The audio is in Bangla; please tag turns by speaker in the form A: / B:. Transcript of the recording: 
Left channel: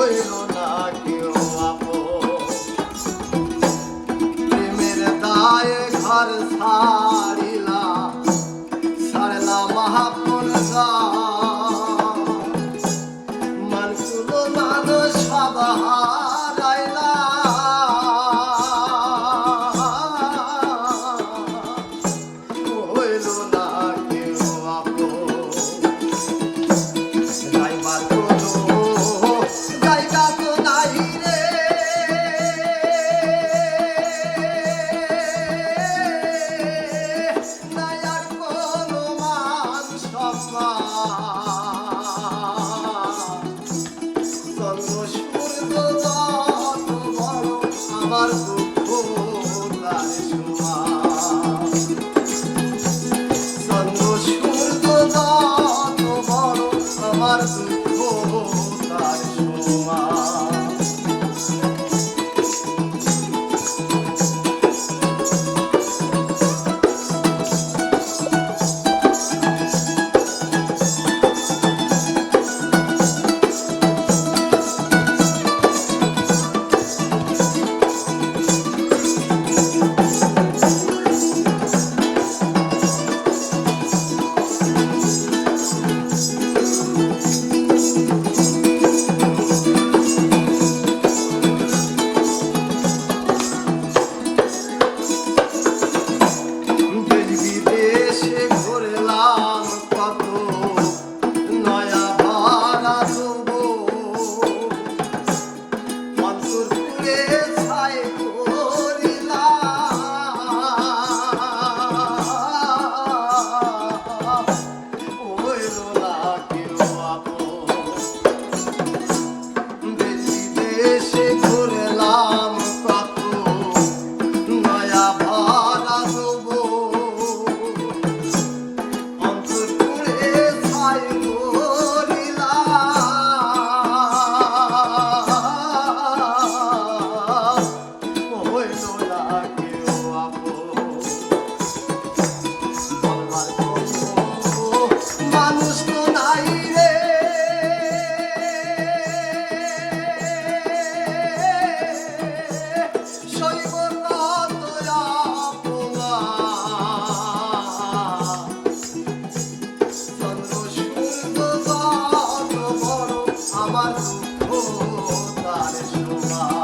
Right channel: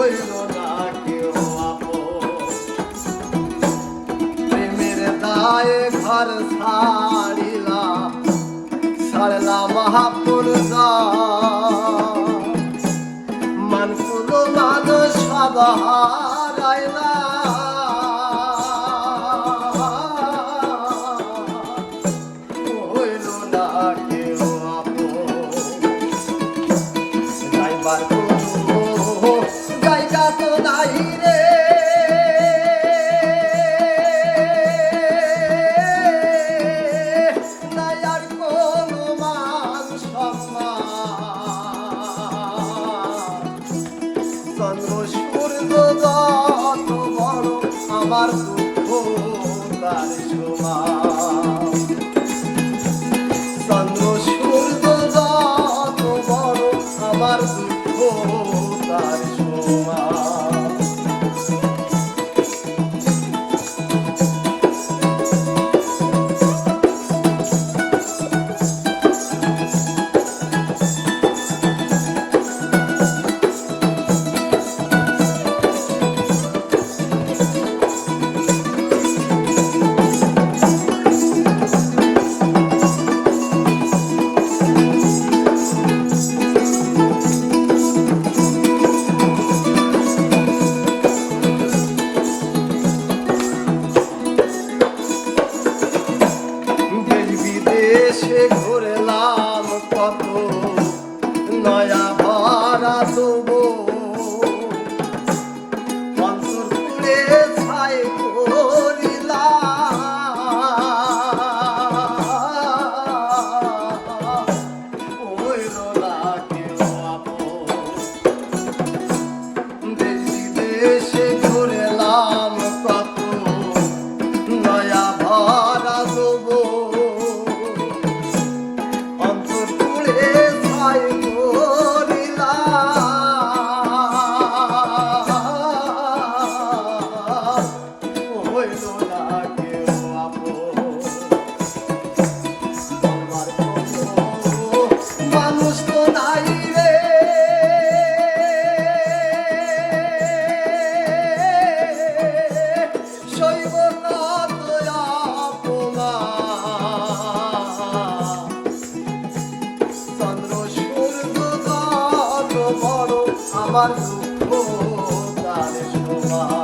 A: হইল না কেউ প্রেমের দায়ে ঘর ছাড়িলা ছাড়লা মহাপুর দা lado আমার দুঃখ তার সমান